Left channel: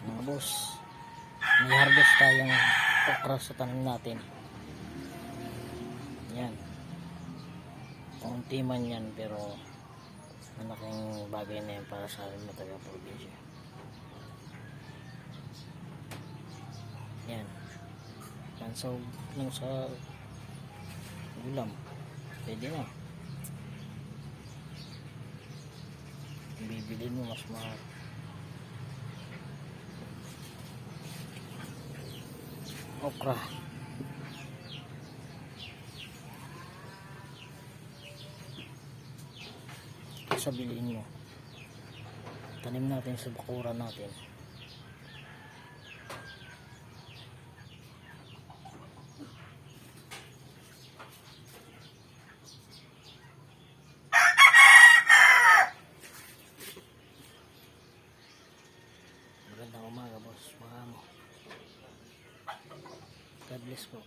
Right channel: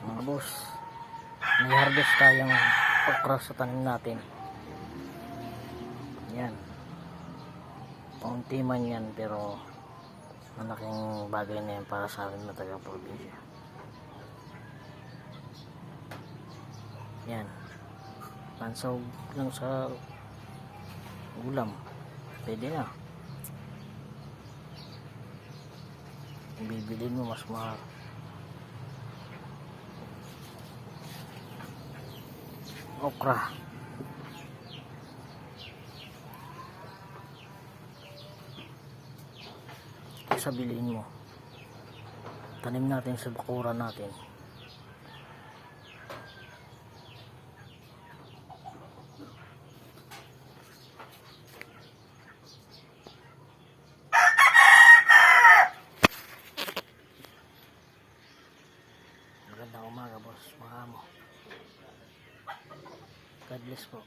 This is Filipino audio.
Mga boss, may harvest tayong okra sa tanim natin. Yan, paunti man yan, pero malaking bagay na yan para sa amin na taga-probinsya. Yan, pansaw lang sa ulam, pwede na. Bibilin mo mas mahal. Okra, kaysa biliin mo, tanim natin sa bakuran natin. Magandang umaga boss, mga amo. God bless po.